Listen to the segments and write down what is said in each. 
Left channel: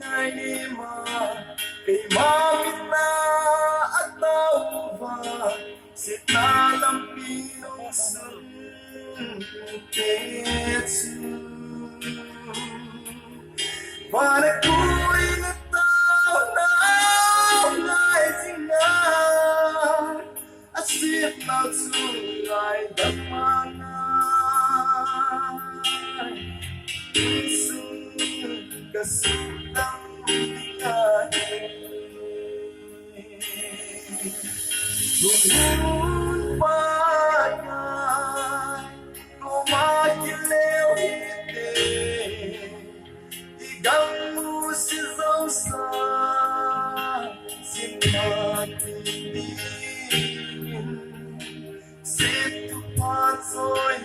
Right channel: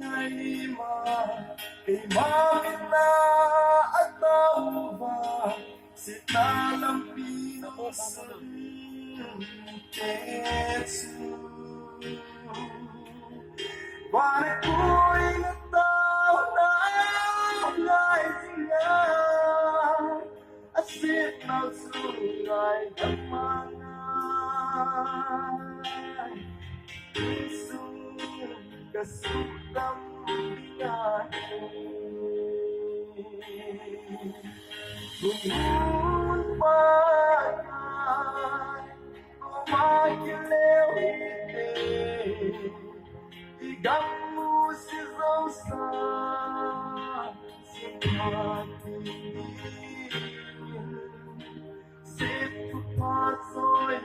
Nainima kay mamina at tauba si talang pinong ketsu Wanna ko'y nataw na ngay zingan asip na tunay dapanay isang kasutang bigahe Noon pa yan kumakilew-hiti Igang musizaw sa sinatindin Situpatsoy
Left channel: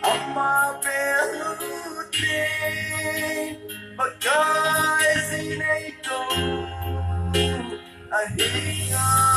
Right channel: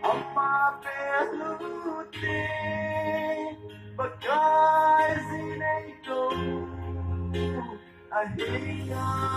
ang mabeluti Pagkay sinay ko ahinga